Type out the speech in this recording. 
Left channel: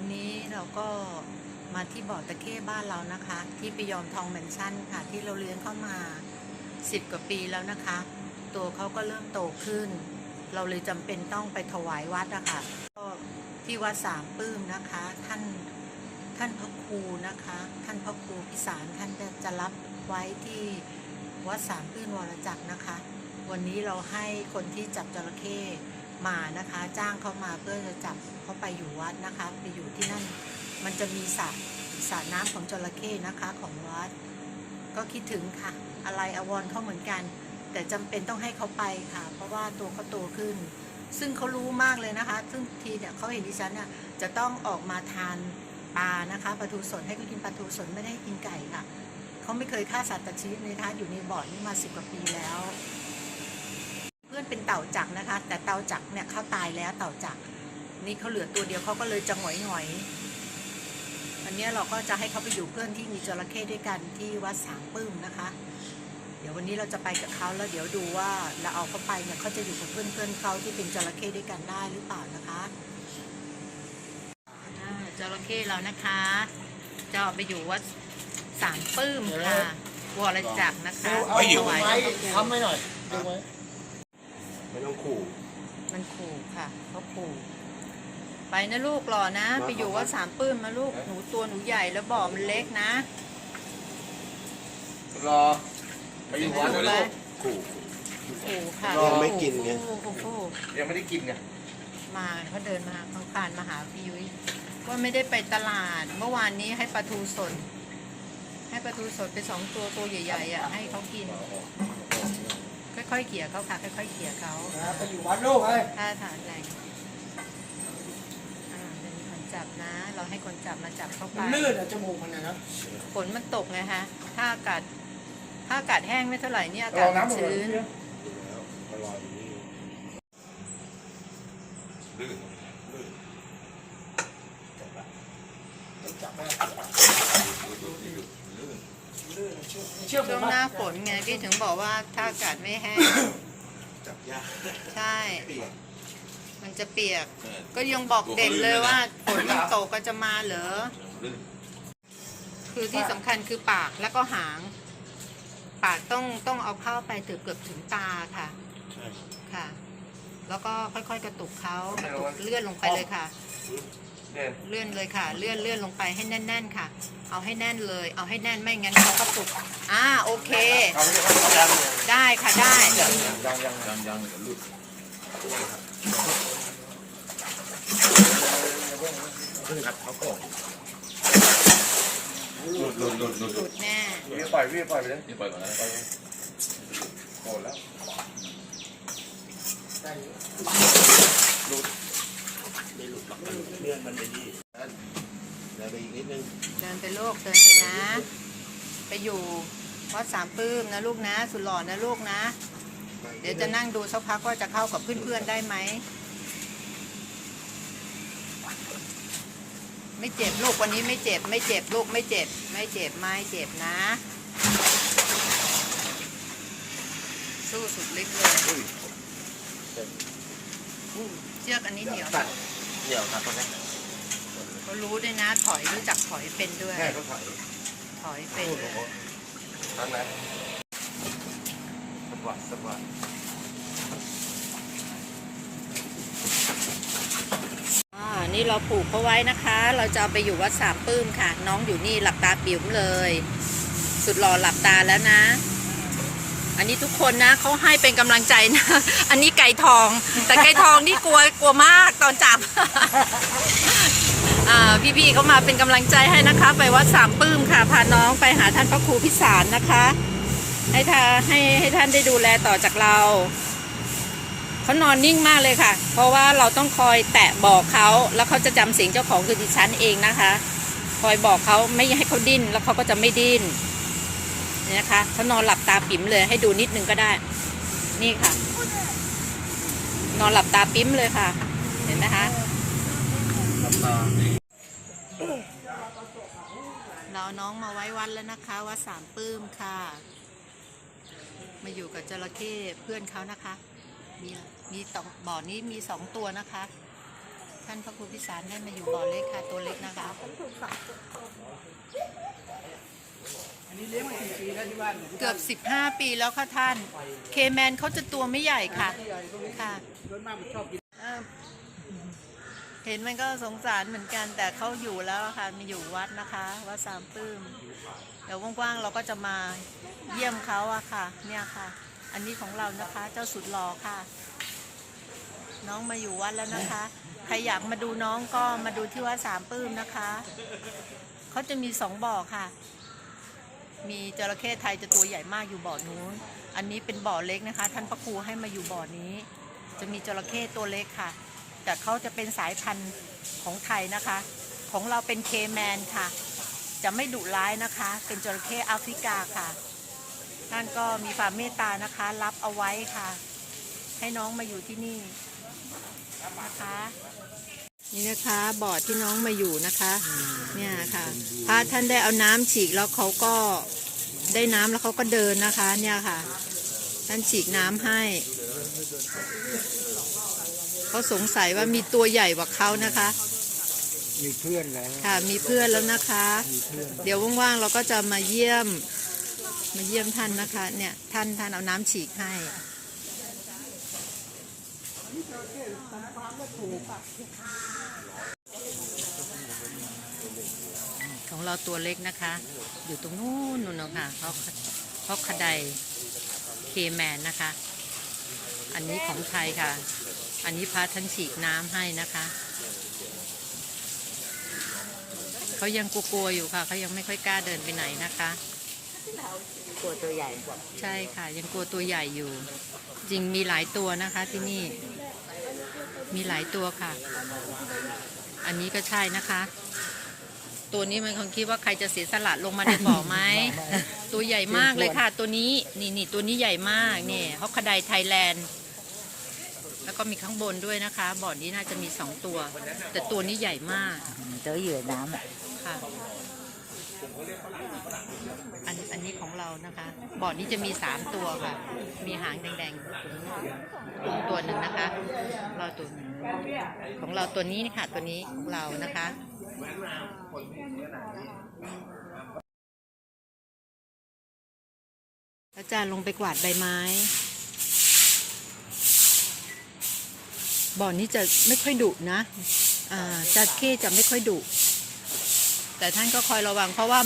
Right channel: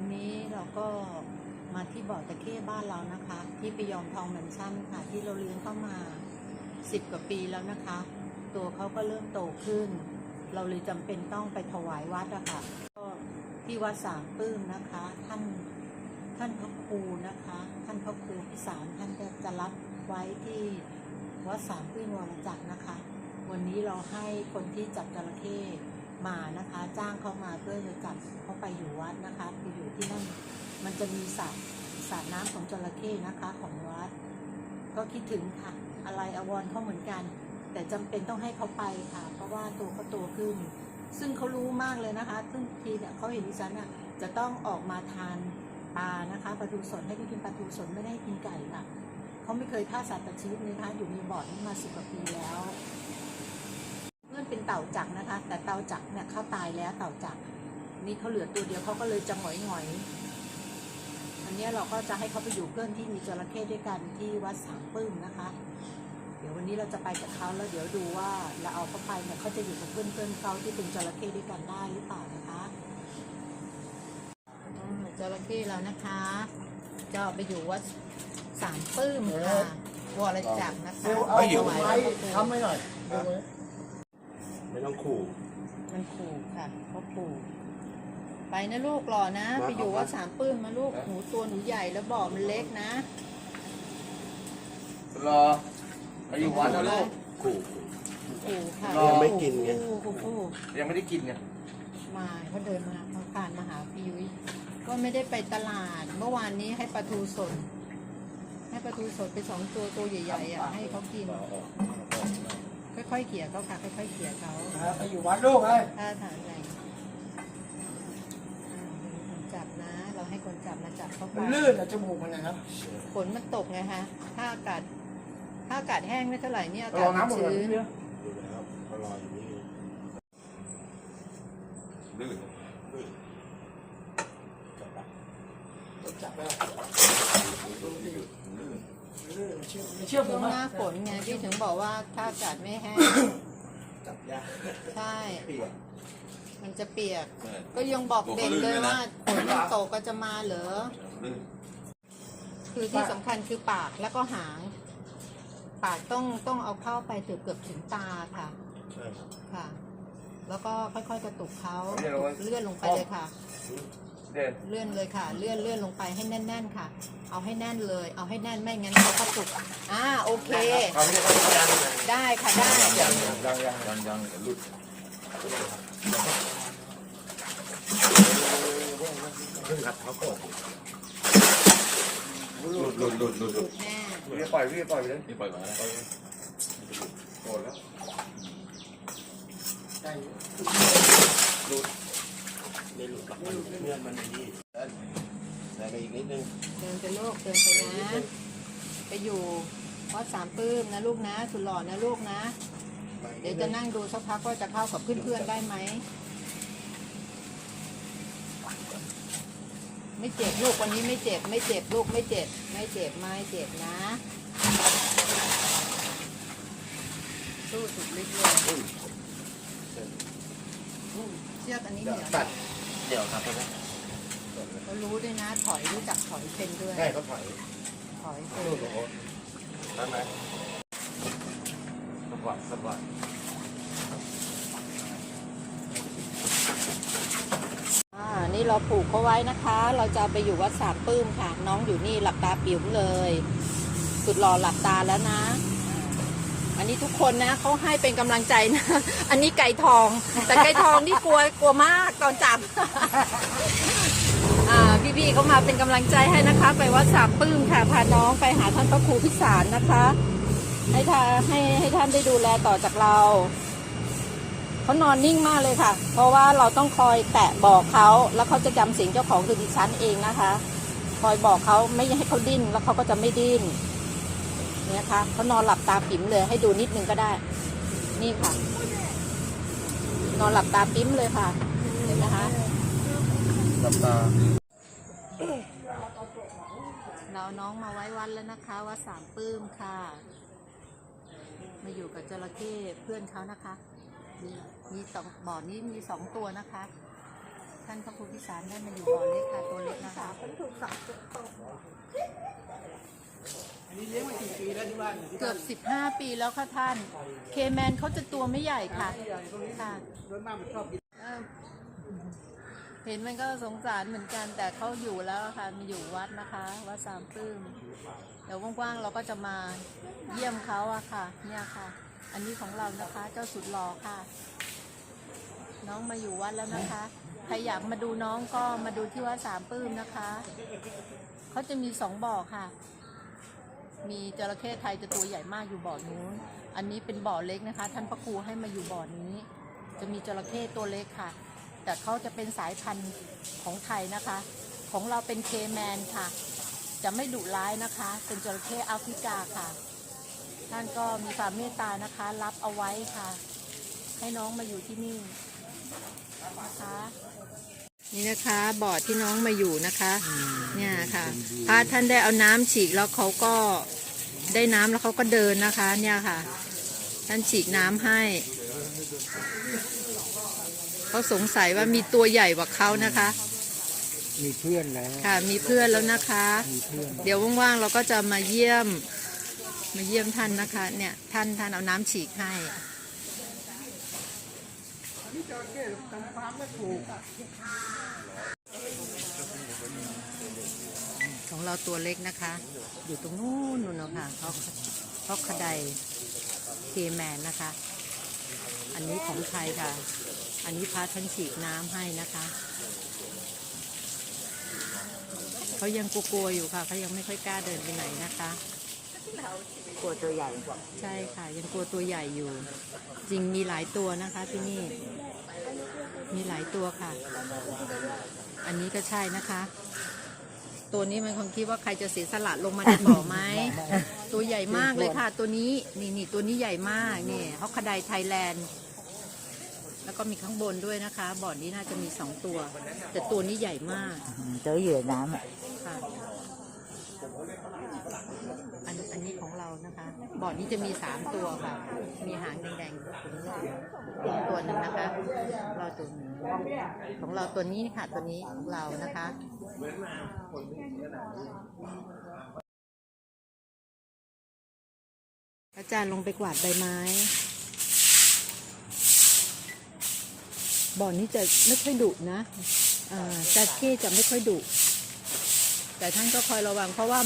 วันนี้เราก็มาที่บ่อตะเข้บ้านเรานะคะ ที่ปิยอมทองแมนชั่นค่ะ ที่เราเลี้ยงเข้ามา 10 กว่าปีแล้วนะคะ ตัวเขาก็เริ่มโตขึ้น เราเลยจำเป็นต้องไปถวายวัดอะค่ะก็ที่วัดสามปื้มนะคะ ท่านท่านพระครูนะคะ ท่านพระครูพิสารท่านจะจะรับไว้ที่วัดสามปื้มวรจักรนะคะ วันนี้เราให้คนที่จับจระเข้ มานะคะ จ้างเขามาเพื่อจะจับเขาไปอยู่วัดนะคะ ไปอยู่ที่นั่นมันจะมีสระสระน้ำของจระเข้นะคะของวัด ก็คิดถึงค่ะ อะไรอวรเขาเหมือนกัน แต่จำเป็นต้องให้เขาไปค่ะ เพราะว่าตัวเขาโตขึ้น ซึ่งเขารู้มากเลยนะคะ ซึ่งทีเนี่ยเขาเห็นดิฉันน่ะจะต้องออกมาทานปลานะคะปลาทูสดให้เขากินปลาทูสดไม่ได้ให้กินไก่ค่ะเขาไม่เคยฆ่าสัตว์ตัดชีวิตเลยนะคะอยู่ในบ่อนี้มาสิบกว่าปีแล้ว เพื่อนเป็นเต่าจักรนะคะ แต่เต่าจักรเนี่ยเขาตายแล้วเต่าจักรนี่เขาเหลือตัวเดียวเขาก็เลยจะหงอยหงอยๆอันเนี้ยเราก็จะให้เขาไปอยู่เพื่อนที่มีจระเข้ด้วยกันที่วัดสามปื้มนะคะ เดี๋ยววันนี้เราจะไปกับเขาแล้วเดี๋ยวดูว่าเราเอาเขาไปเนี่ยเขาจะอยู่กับเพื่อนเพื่อนๆเขาที่เป็นจระเข้ด้วยกันได้หรือเปล่านะคะอ่าจระเข้เรานะคะจะเอาไปอยู่วัดสามปื้มค่ะวรจักรนะคะเอาอยู่ถวายไว้พระครูทำไว้หน่อยดูไว้ ไม่ต้องขู่ มันขู่ค่ะเขาขู่ไปนะลูกหล่อนะ มาไปอยู่ครับวัดสามปื้มมาลูกหนูตัวหนูใหญ่แล้วบ่อมันเล็กนะรอไปอยู่วัดนะลูก ขู่ ขู่ค่ะยังไม่กินไงขู่ขู่ขู่ยังไม่ได้กินไงมาเขาเดินมาเขาผ่านมาหาพี่ยุ้ยว่าไม่ได้ไปตลาด เมื่อวานนี้ให้ปลาทูสดให้ปลาทูสดไปสองตัวตัวใหญ่ๆอะให้เขากิน ค่อยๆเขี่ยเขาค่ะ ค่อยๆเขี่ยเขานะไปอยู่วัดลูกเลยถ้าฐานแรงอ่าเป็นคนจับนะ เราให้คนจับมาจับเข้าไป มันลื่นอะจมูกมันเลยนะ ฝนมันตกไงฮะ ถ้าอากาศ ถ้าอากาศแห้งไม่เท่าไหร่เนี่ยอาลกาศองมันน้ำหมดเลยชื้น อยู่แล้วเขารออยู่นี่ลื่นจับไปลื่ นลื่นเชื่อเชื่อผช่วมงหน้านะฝนไงพี่ถึงบอกว่าถ้าอากาศไม่แห้ง จับยากใช่ เปียกมันจะเปียก เออ ก็ยังบอกเด็กเลยว่าฝนมันตกก็จะมาเหรอ ลื่นคือที่สำคัญคือปากแล้วก็หาง ปากต้องต้องเอาเข้าไปถึงเกือบถึงตาค่ะ ใช่ ค่ะ แล้วก็ค่อยๆกระตุกเขากระตุกเลื่อนลงไปเลยค่ะ เด่นเลื่อนเลยค่ะ เลื่อนเลื่อนลงไปให้แน่น ๆ ค่ะ เอาให้แน่นเลย เอาให้แน่นไม่งั้นเขากระตุกอ่าโอเค เอาไม่ได้เขาไม่ได้ยังได้ค่ะได้ ยังยังยังยังยังเดี๋ยวลื่นขึ้นครับเขาโก่งหลุดหลุดหลุดหลุดหลุดแน่พี่ปล่อยพี่ปล่อยไปเลยพี่ปล่อยก่อนนะปล่อยโกรธแล้วใส่ไม่หลุดหรอกมัน เลื่อนมันในนี่เดินไปอีกนิดนึงเดินไปลูกเดินไปนะ ไปอยู่วัดสามปื้มนะลูกนะ สุดหล่อนะลูกนะ เดี๋ยวจะนั่งดูสักพักว่าจะเข้ากับเพื่อนๆได้ไหม ไม่เจ็บลูกวันนี้ไม่เจ็บ ไม่เจ็บลูกไม่เจ็บ ไม่เจ็บไม่เจ็บนะ สู้สุดฤทธิ์เลยเชือกอันนี้เหนียวตัด เดี๋ยวครับตรงนี้เขารู้ด้วยนะ ถอยรู้จักถอยเป็นด้วยแค่เขาถอยถอยเป็นด้วยทำไงสวัสดสวัสดอ่า นี่เราผูกเขาไว้นะคะ เราจะเอาไปอยู่วัดสามปื้มค่ะ น้องอยู่นี่หลับตาปิ๋วเลย สุดหล่อหลับตาแล้วนะ อันนี้ทุกคนนะเขาให้เป็นกำลังใจนะ อันนี้ไก่ทอง แต่ไก่ทองนี่กลัวกลัวมากตอนจับอ่พี่ๆเขามาเป็นกำลังใจให้นะคะ ไปวัดสามปื้มค่ะ พาน้องไปหาท่านพระครูพิสารนะคะ ให้ท่าให้ให้ท่านได้ดูแลต่อจากเราเขานอนนิ่งมากเลยค่ะ เพราะว่าเราต้องคอยแตะบอกเขาแล้วเขาจะจำเสียงเจ้าของคือดิฉันเองนะคะ คอยบอกเขาไม่ให้เขาดิ้นแล้วเขาก็จะไม่ดิ้น นี่นะคะเขานอนหลับตาปิ๋มเลย ให้ดูนิดนึงก็ได้ นี่ค่ะ นอนหลับตาปิ๋มเลยค่ะ เห็นไหมคะหลับตาเราน้องมาไว้วัดแล้วนะคะวัดสามปื้มค่ะ มาอยู่กับจระเข้เพื่อนเขานะคะ มีมีสองบ่อนี้มีสองตัวนะคะ ท่านพระครูพิสารได้มาอยู่บ่อเล็กค่ะตัวเล็กนะคะอันนี้ เกือบ 15 ปีแล้วค่ะท่าน เคแมนเขาจะตัวไม่ใหญ่ค่ะค่ะเห็นมันก็สงสารเหมือนกัน แต่เขาอยู่แล้วค่ะมีอยู่วัดนะคะ วัดสามปื้มเดี๋ยวกว่างๆเราก็จะมาเยี่ยมเขาอะค่ะ เนี่ยค่ะ อันนี้ของเรานะคะเจ้าสุดหล่อค่ะ น้องมาอยู่วัดแล้วนะคะใครอยากมาดูน้องก็มาดูที่วัดสามปื้มนะคะเขาจะมีสองบ่อค่ะ มีจระเข้ไทยจะตัวใหญ่มากอยู่บ่อนู้น อันนี้เป็นบ่อเล็กนะคะ ท่านพระครูให้มาอยู่บ่อนี้ จะมีจระเข้ตัวเล็กค่ะ แต่เขาจะเป็นสายพันธุ์ของไทยนะคะ ของเราเป็นเคแมนค่ะ จะไม่ดุร้ายนะคะ เป็นจระเข้แอฟริกาค่ะ ท่านก็มีความเมตตานะคะ รับเอาไว้ค่ะ ให้น้องมาอยู่ที่นี่นะคะ นี่นะคะบ่อที่น้องมาอยู่นะคะ เนี่ยค่ะ พระท่านได้เอาน้ำฉีกแล้วเขาก็ได้น้ำแล้วเขาก็เดินนะคะ เนี่ยค่ะ ท่านฉีกน้ำให้เขาสงสัยว่ามีตัวใหญ่กว่าเขานะคะ มีเพื่อนแล้วค่ะ มีเพื่อนแล้วนะคะมีเพื่อนเดี๋ยวว่างๆเราก็จะมาเยี่ยม มาเยี่ยมท่านนะคะ เนี่ย ท่านท่านเอาน้ำฉีกให้ ของเราตัวเล็กนะคะ อยู่ตรงนู้นนู่นนะคะเพราะเพราะคดายเคแมนนะคะ อันนี้ของไทยค่ะ อันนี้พาท่านฉีกน้ำให้นะคะเขายังกลัวๆอยู่ค่ะเขายังไม่ค่อยกล้าเดินไปไหนนะคะตัวตัวใหญ่ใช่ค่ะ ยังกลัวตัวใหญ่อยู่ จริงมีหลายตัวนะคะที่นี่ มีหลายตัวค่ะ อันนี้ก็ใช่นะคะ ตัวนี้มันคงคิดว่าใครจะเสียสละลงมาในบ่อไหม ตัวใหญ่มากเลยค่ะ ตัวนี้นี่นี่ตัวนี้ใหญ่มากเนี่ยฮอกคดายไทยแลนด์ แล้วก็มีข้างบนด้วยนะคะ บ่อนี้น่าจะมีสองตัว แต่ตัวนี้ใหญ่มาก เจอเหยื่อน้ค่ะ อันอันนี้ของเรานะคะบ่อนี้จะมีสามตัวค่ะ มีหางแดงๆตัวหนึ่งนะคะ เราตัวของเราตัวนี้นี่ค่ะตัวนี้ของเรานะคะอาจารย์ลงไปกวาดใบไม้บ่อนี้จะไม่ค่อยดุนะ อ่าจระเข้จะไม่ค่อยดุ แต่ท่านก็คอยระวังเพราะว่า